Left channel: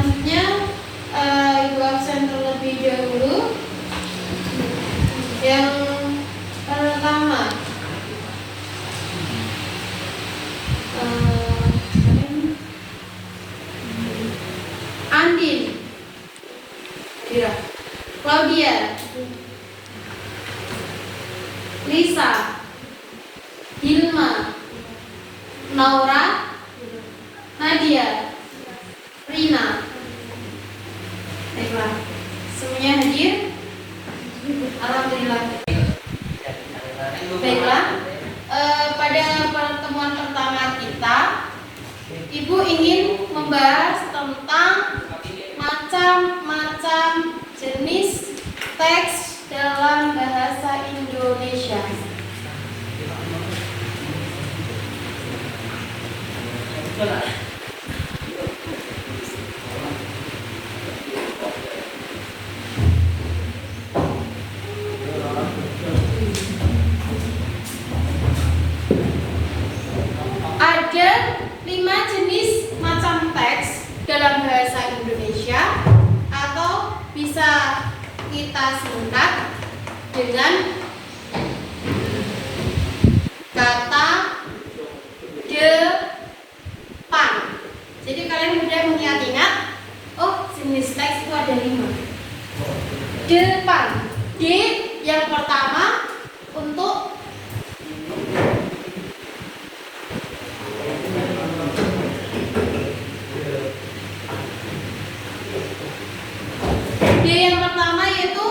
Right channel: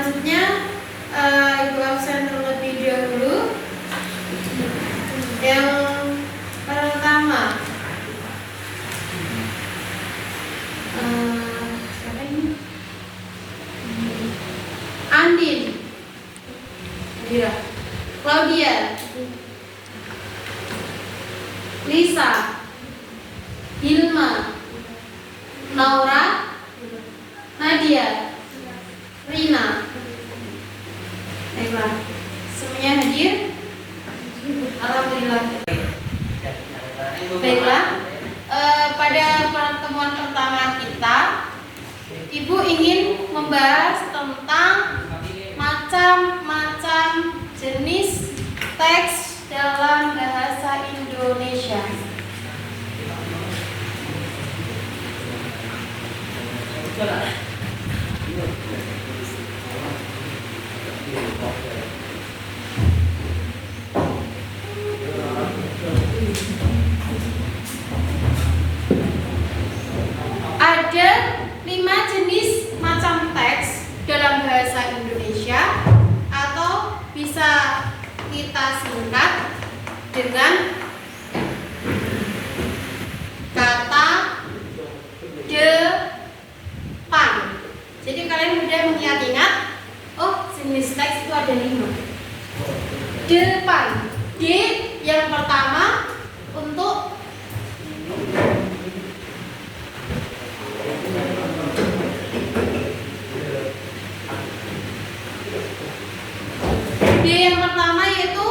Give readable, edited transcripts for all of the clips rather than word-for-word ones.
Selanjutnya Ibu absen terlebih dahulu. Yang pertama Andin, Claudia, Lisa, Hilma, Naura, Nadia, Rina. Baiklah, semuanya hadir. Alhamdulillah. Baiklah, pada pertemuan pertama kita, Ibu ingin membahas tentang macam-macam jenis teks dalam bahasa Indonesia. Ada 5 jenis macam teks dalam bahasa Indonesia, atau bisa kita singkat dengan kata depan. Jadi kalian mudah mengingat-ingat, oh jenis teks itu ada 5. Depan, D yang pertama untuk D yang pertama yaitu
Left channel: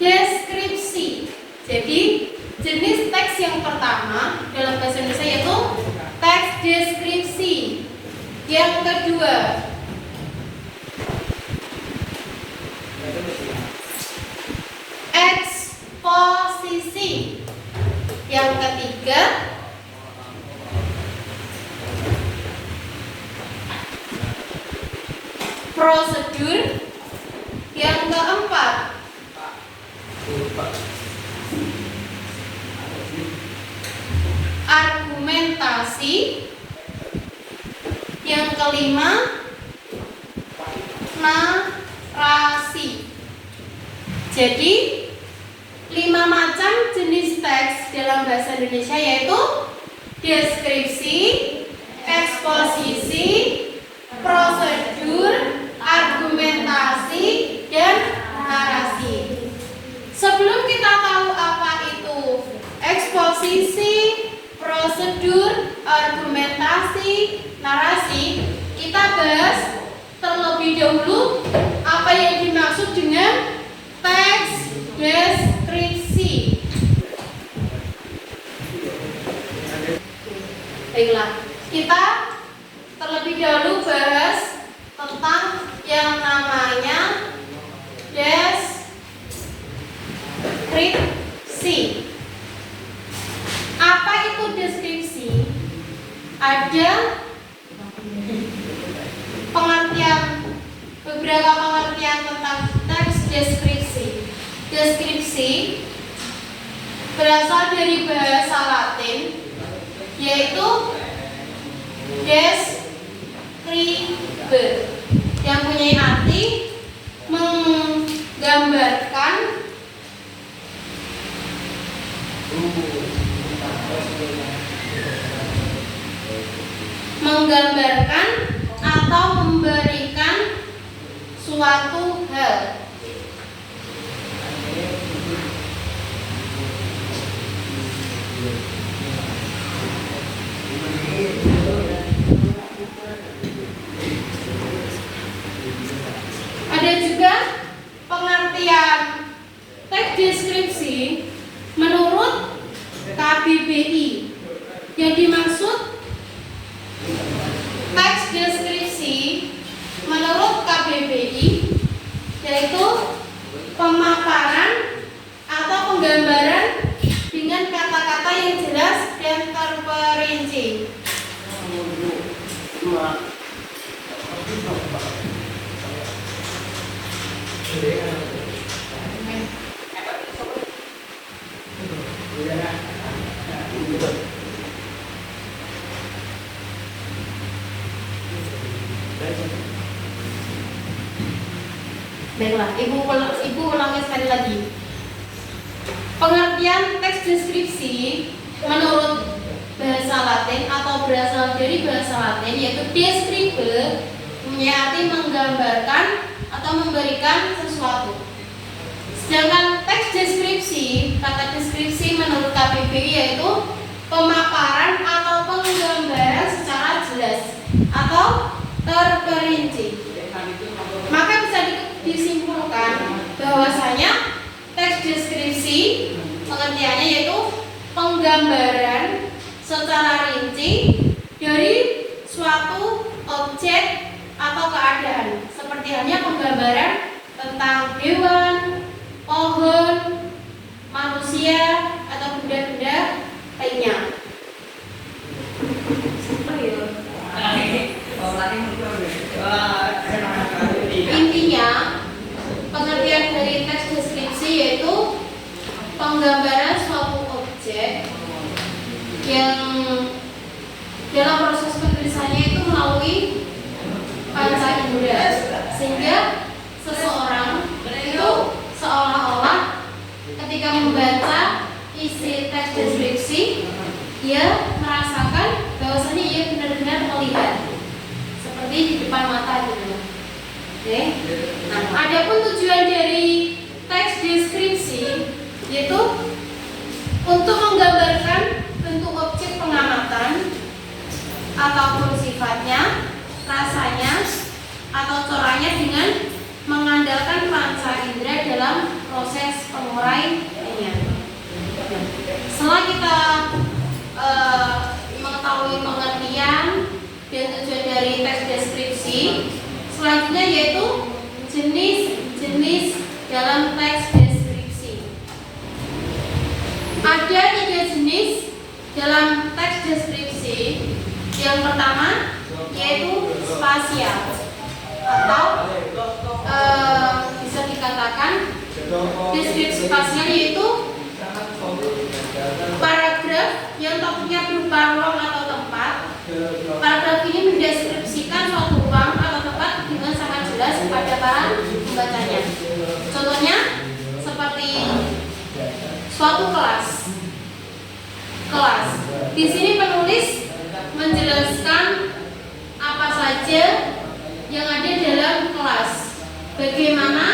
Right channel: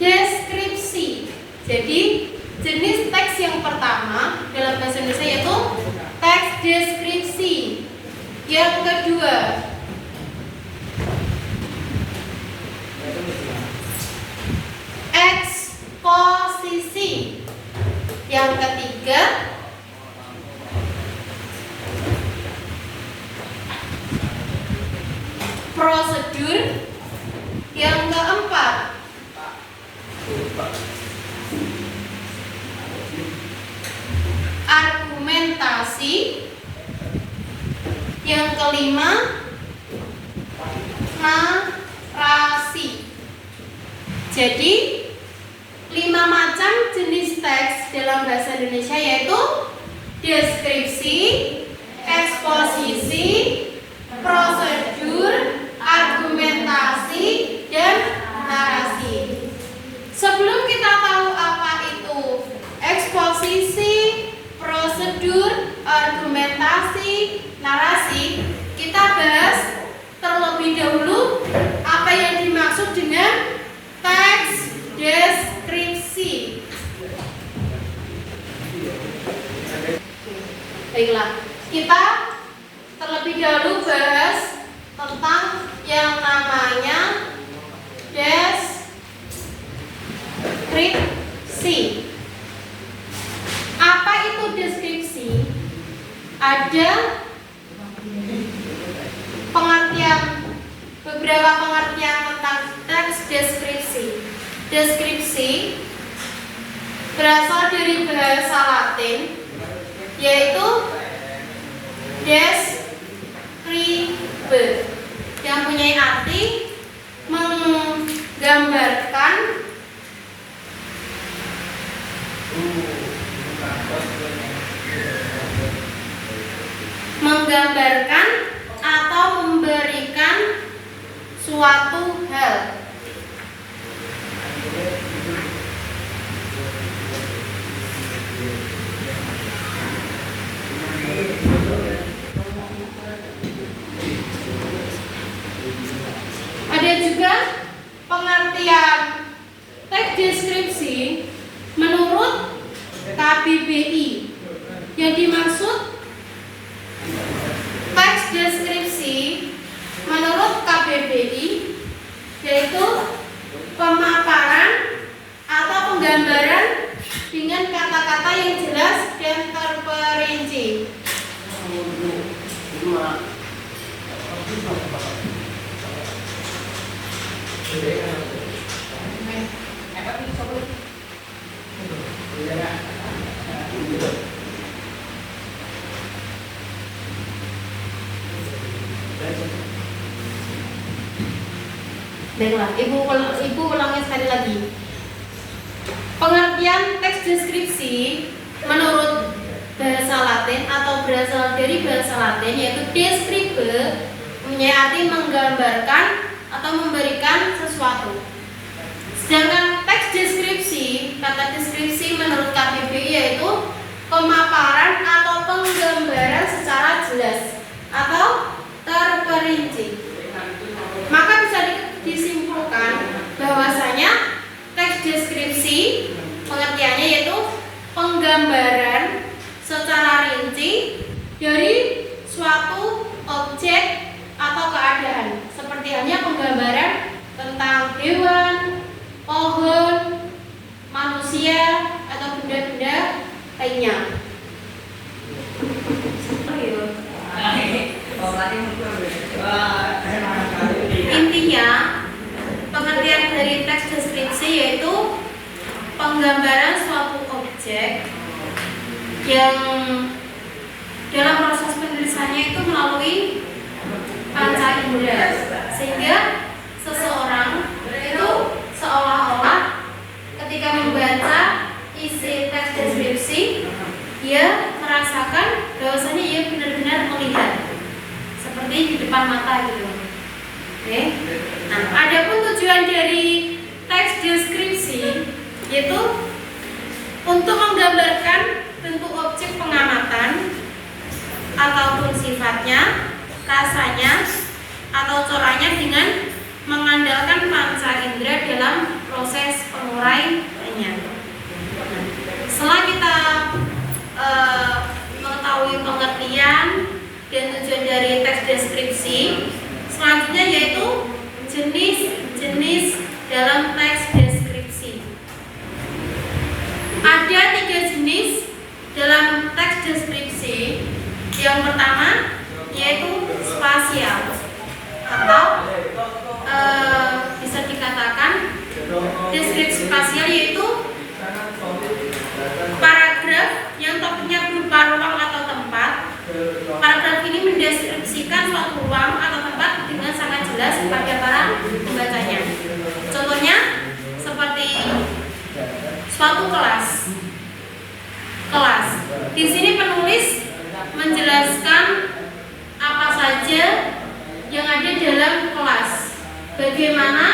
deskripsi. Jadi jenis teks yang pertama dalam bahasa Indonesia yaitu teks deskripsi. Yang kedua eksposisi. Yang ketiga prosedur. Yang keempat argumentasi. Yang kelima narasi. Jadi 5 macam jenis teks dalam bahasa Indonesia yaitu deskripsi, eksposisi, prosedur, argumentasi, dan narasi. Sebelum kita tahu apa itu eksposisi, prosedur, argumentasi, narasi, kita bahas terlebih dahulu apa yang dimaksud dengan teks deskripsi. Baiklah, kita terlebih dahulu bahas tentang yang namanya deskripsi. Apa itu deskripsi? Ada beberapa pengertian tentang teks deskripsi. Deskripsi berasal dari bahasa Latin yaitu describe, yang punya arti menggambarkan atau memberikan suatu hal. Ada juga pengertian teks deskripsi menurut KBBI. Yang dimaksud teks deskripsi menurut KBBI yaitu pemaparan atau penggambaran dengan kata-kata yang jelas dan terperinci. Baiklah, ibu ulangi sekali lagi. Pengertian teks deskripsi menurut bahasa Latin atau berasal dari bahasa Latin yaitu describe, mempunyai arti menggambarkan atau memberikan sesuatu. Sedangkan teks deskripsi, kata deskripsi menurut KBBI yaitu pemaparan atau penggambaran secara jelas atau terperinci. Maka bisa disimpulkan bahwasanya teks deskripsi pengertiannya yaitu penggambaran secara rinci dari suatu objek atau keadaan, seperti halnya penggambaran tentang hewan, pohon, manusia atau benda-benda lainnya. Intinya, pengertian dari teks deskripsi yaitu penggambaran suatu objek yang dalam proses penulisannya itu melalui panca indera, sehingga seseorang itu seolah-olah ketika membaca isi teks deskripsi dia merasakan bahwasanya ia benar-benar melihat seperti di depan mata gitu. Oke. Nah, adapun tujuan dari teks deskripsi yaitu untuk menggambarkan bentuk objek pengamatan ataupun sifatnya, rasanya atau coranya dengan mengandalkan panca indera dalam proses penguraiannya. Setelah kita mengetahui pengertian dan tujuan dari teks deskripsi, selanjutnya yaitu jenis-jenis dalam teks deskripsi. Ada 3 jenis dalam teks deskripsi. Yang pertama yaitu spasial atau bisa dikatakan deskripsi spasial yaitu paragraf yang topiknya berupa ruang atau tempat. Paragraf ini mendeskripsikan suatu ruang atau tempat dengan sangat jelas pada para pembacanya. Contohnya seperti suatu kelas. Di sini penulis menjelaskan apa saja yang ada dalam kelas, bagaimana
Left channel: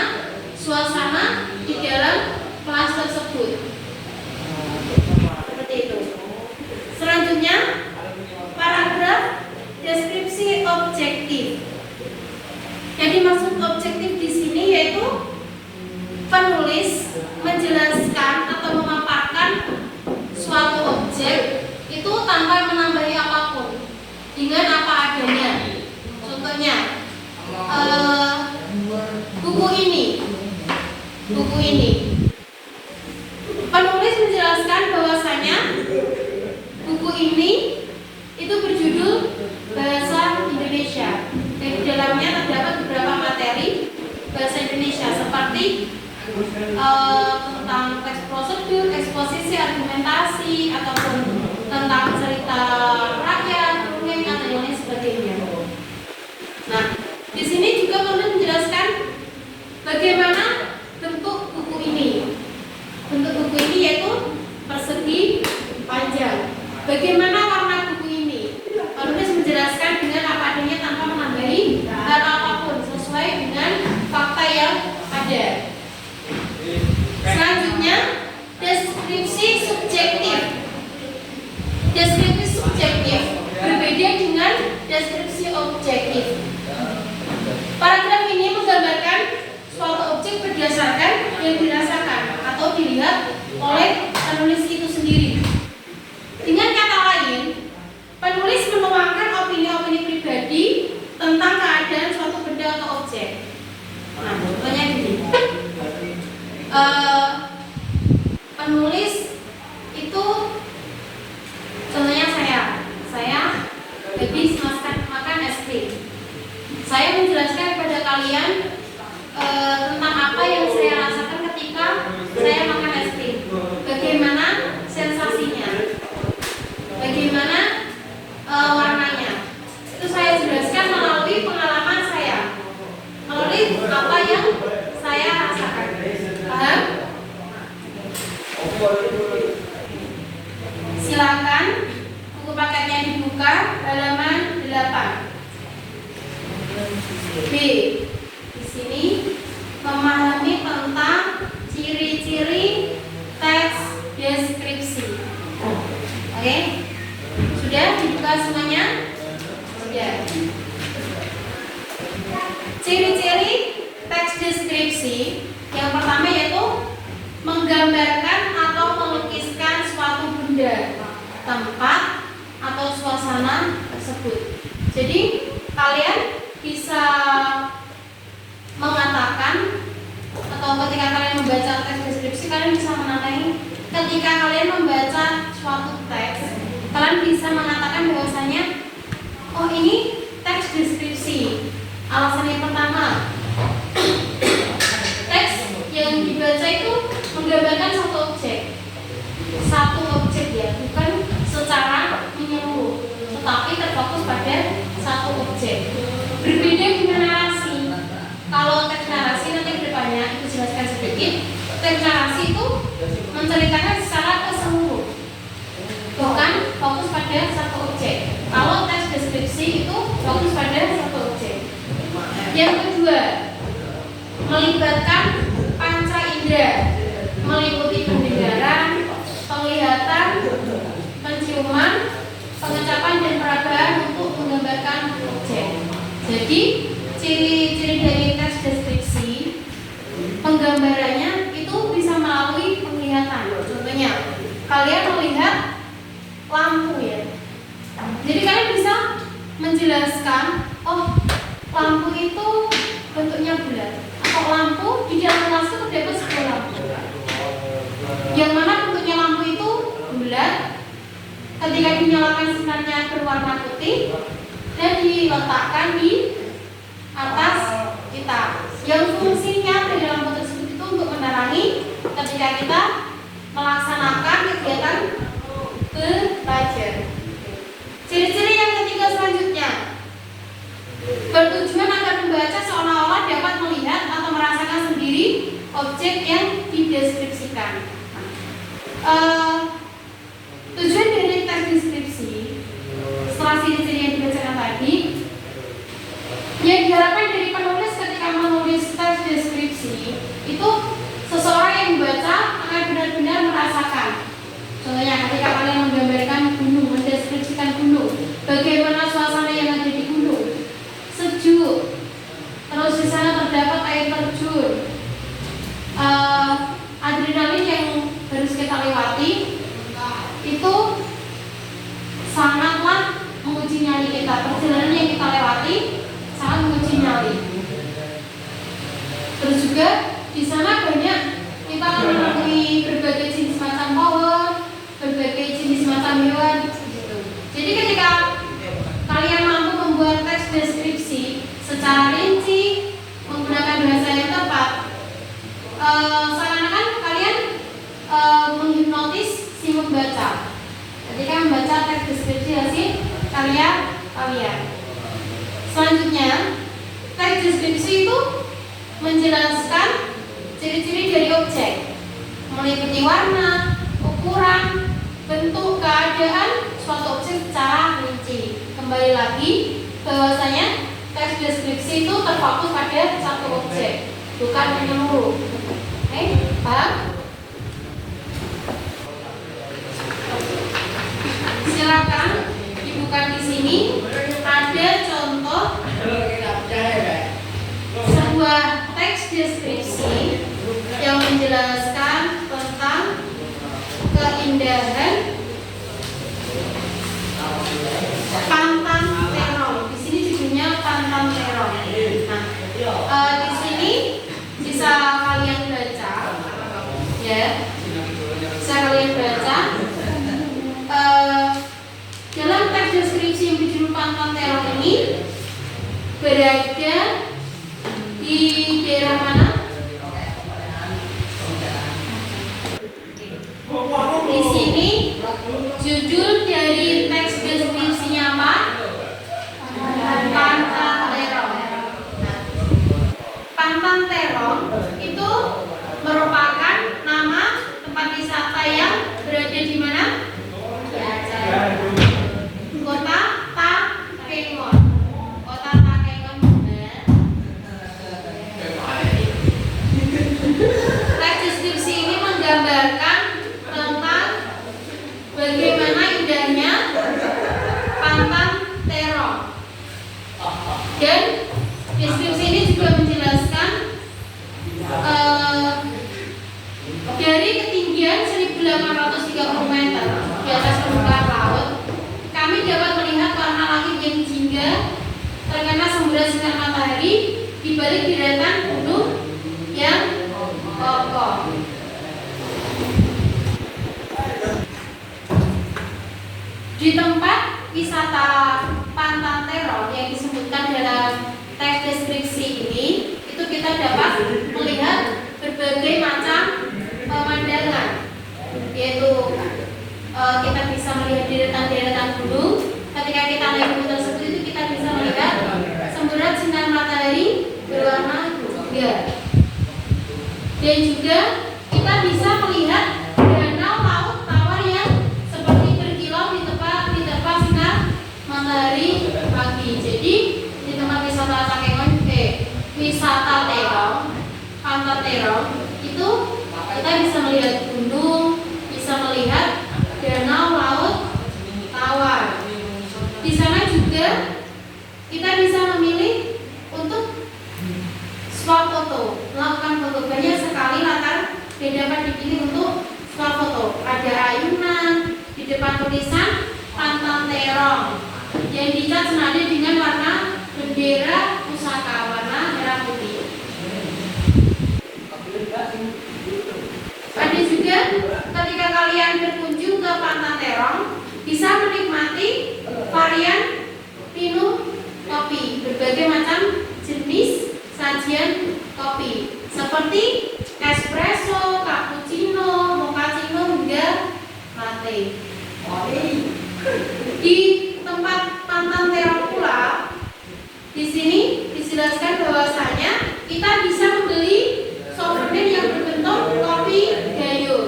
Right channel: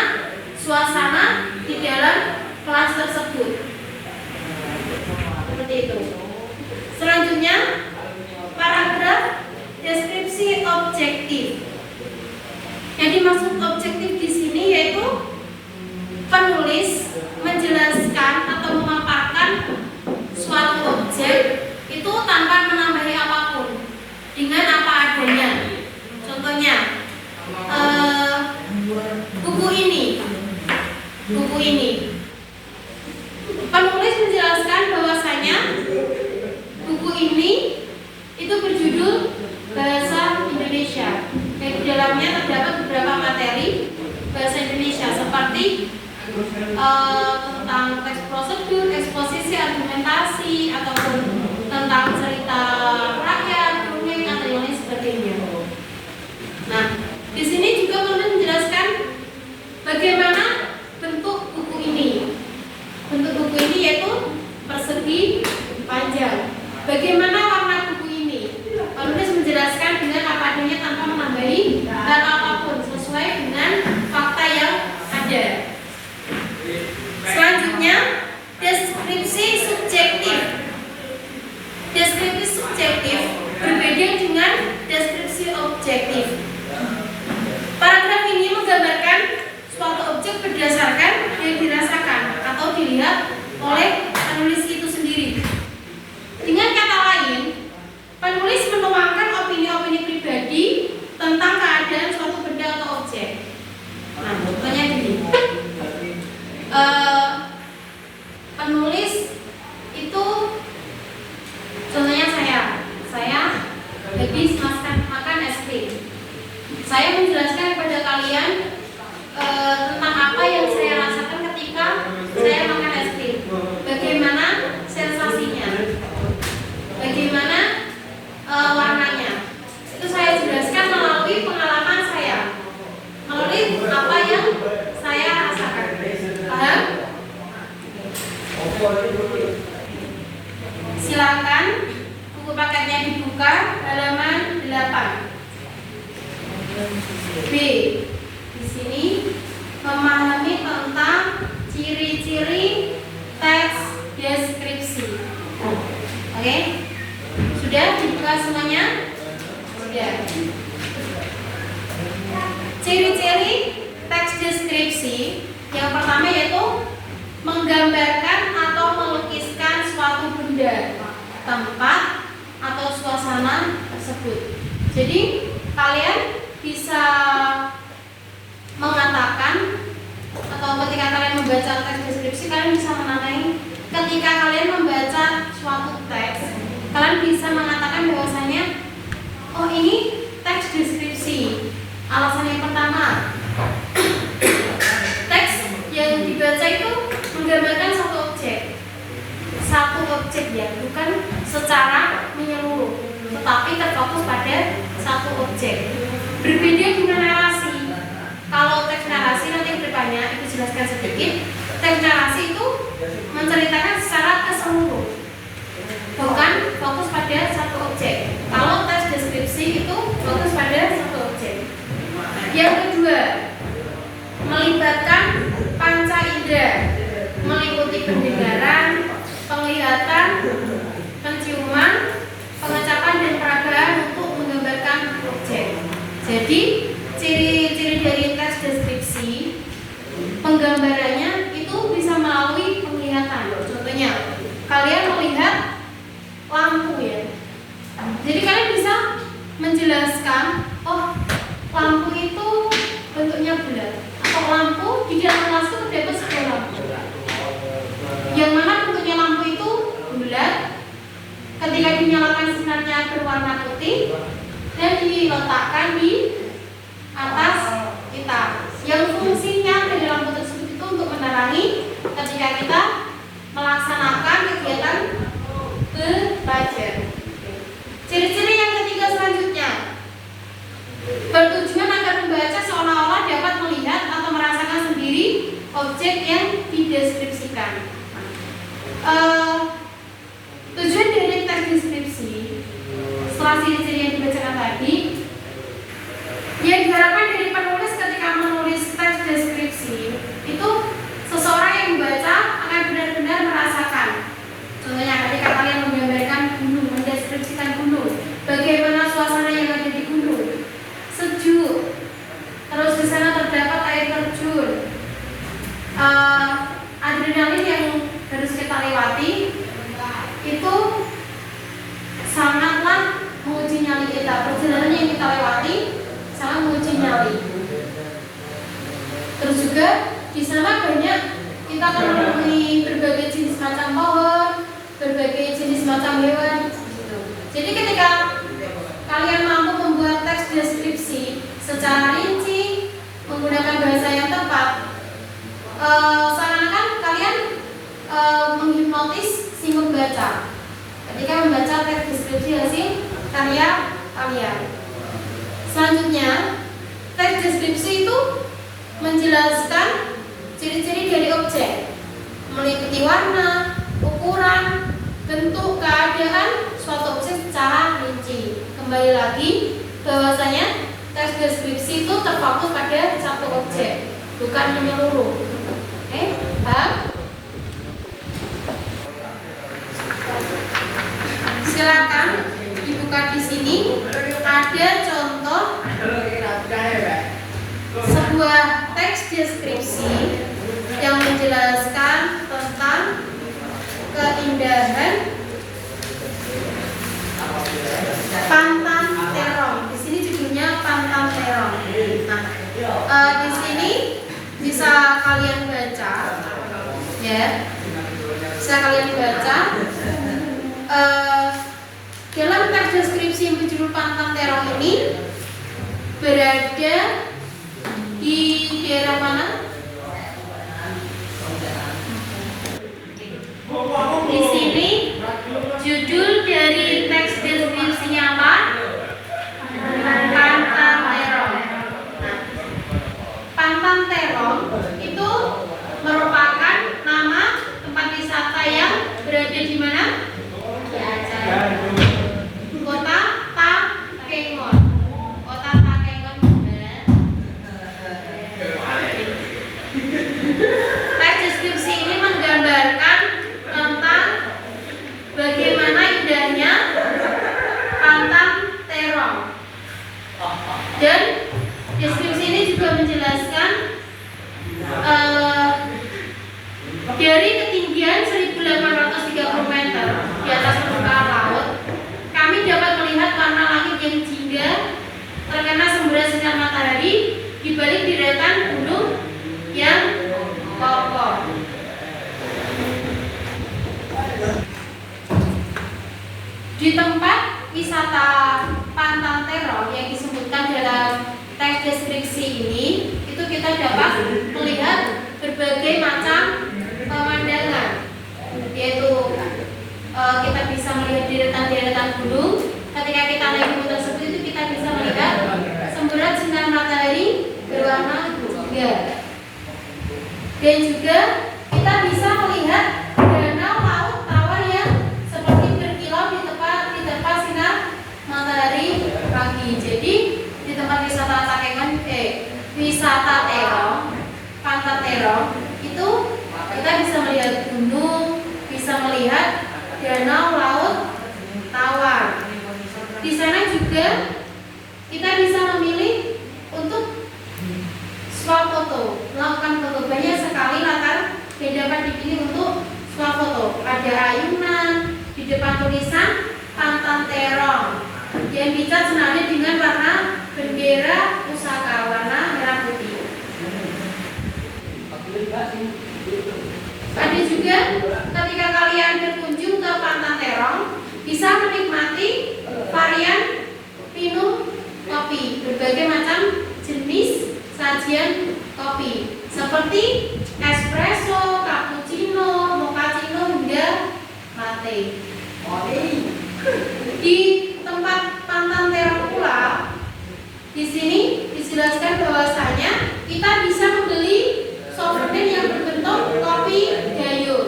suasana di dalam kelas tersebut. Seperti itu. Selanjutnya, paragraf deskripsi objektif. Yang dimaksud objektif di sini yaitu penulis menjelaskan atau memaparkan suatu objek itu tanpa menambahi apapun, dengan apa adanya. Contohnya, buku ini. Penulis menjelaskan bahwasanya buku ini itu berjudul Bahasa Indonesia. Dan di dalamnya terdapat beberapa materi bahasa Indonesia seperti tentang teks prosedur, eksposisi, argumentasi, ataupun tentang cerita rakyat, dongeng, atau yang lain sebagainya. Nah, di sini juga penulis menjelaskan bagaimana bentuk buku ini. Bentuk buku ini yaitu persegi panjang. Bagaimana warna buku ini? Penulis menjelaskan dengan apa adanya tanpa menambahi hal apapun, sesuai dengan fakta yang ada. Selanjutnya, deskripsi subjektif. Deskripsi subjektif berbeda dengan deskripsi objektif. Paragraf ini menggambarkan suatu objek berdasarkan yang dirasakan atau dilihat oleh penulis itu sendiri. Dengan kata lain, penulis menuangkan opini-opini pribadi tentang keadaan suatu benda atau objek. Nah, contohnya gini. Penulis itu contohnya saya jadi makan es krim. Saya menjelaskan kepada kalian tentang apa yang saya rasakan ketika saya makan es krim. Bagaimana sensasinya, bagaimana warnanya. Itu saya jelaskan melalui pengalaman saya, melalui apa yang B. Di sini memahami tentang ciri-ciri teks deskripsi. Oke, sudah dibuka semuanya? Sudah. Ciri-ciri teks deskripsi yang pertama yaitu menggambarkan atau melukiskan suatu benda, tempat, atau suasana tersebut. Jadi kalian bisa mengatakan atau ketika kalian membaca teks deskripsi, kalian bisa menandai ketika kalian membaca suatu teks, kalian bisa mengatakan bahwasanya oh ini teks deskripsi. Alasan yang pertama, teks yang dibaca itu menggambarkan satu objek ya, bukan secara menyeluruh, tetapi terfokus pada satu objek. Berbeda dengan narasi. Kalau teks narasi nanti ke depannya itu jelaskan sedikit. Teks narasi itu menceritakan secara keseluruhan, bukan fokus pada satu objek. Kalau teks deskripsi itu fokus pada satu objek. Yang kedua, melibatkan panca indera, meliputi pendengaran, penglihatan, penciuman, pengecapan dan peragaan untuk menggambarkan objek. Jadi ciri-ciri dari teks deskripsi, penggambarannya itu bisa melalui penglihatan. Contohnya, kalian melihat lampu ya. Jadi kalian bisa menjelaskan, oh lampu itu bentuknya bulat, atau lampu di dalam kelas itu terdapat satu lampu. Yang mana bentuknya lampu itu bulat, ketika dinyalakan sinarnya berwarna putih dan diletakkan di atas kita. Yang fungsinya dari lampu tersebut itu untuk menerangi ketika kita melaksanakan kegiatan belajar. Ciri-ciri yang ketiga selanjutnya, bertujuan agar pembaca seolah-olah dapat melihat atau merasakan sendiri objek yang dideskripsikan. Tujuan dari teks deskripsi setelah ciri-ciri yang dibacakan tadi, yang diharapkan dari penulis ketika menulis teks deskripsi itu seseorang yang membaca akan benar-benar merasakan. Contohnya ketika kalian menggambarkan gunung, mendeskripsikan gunung, bagaimana suasana yang ada di gunung, sejuk, terus di sana terdapat air terjun, adrenalin yang harus kita lewati itu sangatlah menguji nyali kita. Perjalanan yang kita lewati sangat menguji nyali. Terus juga di sana banyak kita akan menemui berbagai jenis macam pohon, berbagai jenis macam hewan. Jadi ketika kalian mampu membuat teks deskripsi secara rinci menggunakan bahasa yang tepat, seakan-akan kalian menghipnotis si membaca ketika membaca teks deskripsi hasil karya kalian. Selanjutnya, teks deskripsi itu menjelaskan ciri-ciri dari objek, meliputi warna, ukuran, bentuk, keadaan suatu objek secara rinci. Kembali lagi bahwasanya teks deskripsi itu terfokus pada satu objek, bukan menyeluruh. Oke, paham? Silakan dibuka di sini. Ada contoh sebuah teks deskripsi yang menjelaskan tentang keindahan Pantang Terong. Di sini judulnya Pantang Terong. Nah, di sini bisa kalian baca, ya. Bisa kalian baca. Dalam teks deskripsi yang berjudul Pantang Terong ini berada di daerah mana? Di sini judul dari teks deskripsinya apa? Pantang Terong. Pantang Terong itu merupakan nama tempat wisata yang berada di mana? Kota Takengon. Kota Takengon juga juga menjelaskan dari ketinggian 1830 meter di atas permukaan laut, kami dapat melihat warna langit yang jingga terkena semburan sinar matahari di balik deretan gunung yang kokoh. Di tempat wisata Pantang Terong yang disebutkan dalam teks deskripsi ini, itu kita dapat melihat berbagai macam pemandangan, yaitu kita bisa melihat deretan-deretan gunung. Ketika kita melihat gunung tersebut, itu kita bisa melihat semburan sinar matahari berwarna jingga, dan juga kita bisa melihat danau laut tawar yang seperti berkilau diterpa sinar matahari pagi. Jadi di tempat wisata wisata Terong, Pantang Terong itu kita bisa melihat gunung, bisa melihat danau laut tawar. Di sana juga kita bisa memilih untuk swap foto, melakukan foto. Banyak sekali latar yang dapat dipilih untuk swap foto. Ada ayunan di depan tulisan Pantang Terong yang dicat senada dengan warna bendera pusaka warna merah putih. Ada juga ketika kalian berkunjung ke Pantang Terong, bisa menikmati varian minum kopi, berbagai macam jenis sajian kopi seperti espresso, cappuccino, mochaccino hingga latte. Di tempat Pantang Terong pula, di sini dijelaskan bahwasanya kita bisa membeli souvenir yang berbentuk kopi gayo.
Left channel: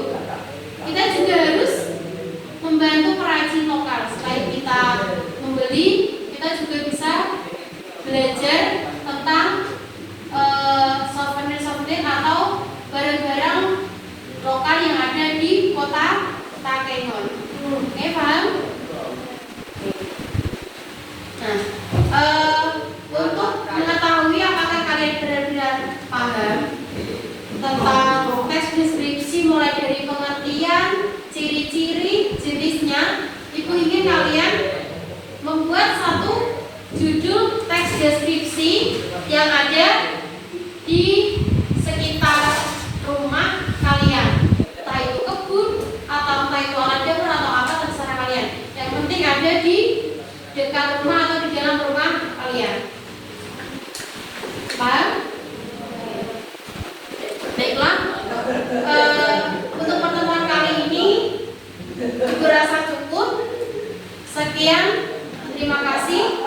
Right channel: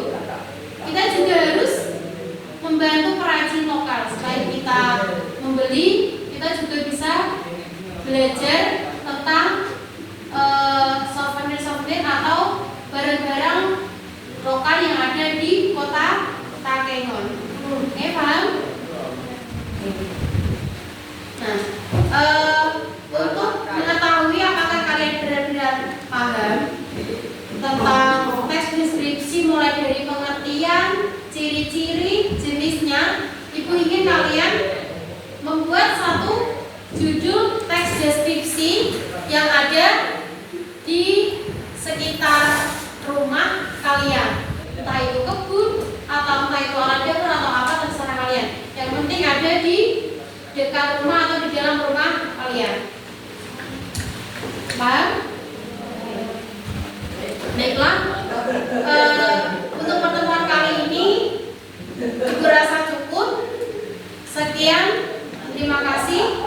Kita juga harus membantu perajin lokal. Selain kita membeli, kita juga bisa belajar tentang souvenir atau barang-barang lokal yang ada di kota Takengon. Oke, paham? Nah, untuk mengetahui apakah kalian benar-benar paham tentang teks deskripsi mulai dari pengertian, ciri-ciri, jenisnya, Ibu ingin kalian membuat satu judul teks deskripsi yang ada di sekitar rumah kalian, entah itu kebun atau entah itu alat dapur atau apa, terserah kalian. Yang penting ada di dekat rumah atau di dalam rumah kalian. Paham? Baiklah, untuk pertemuan kali ini juga rasa cukup. Sekian, terima kasih.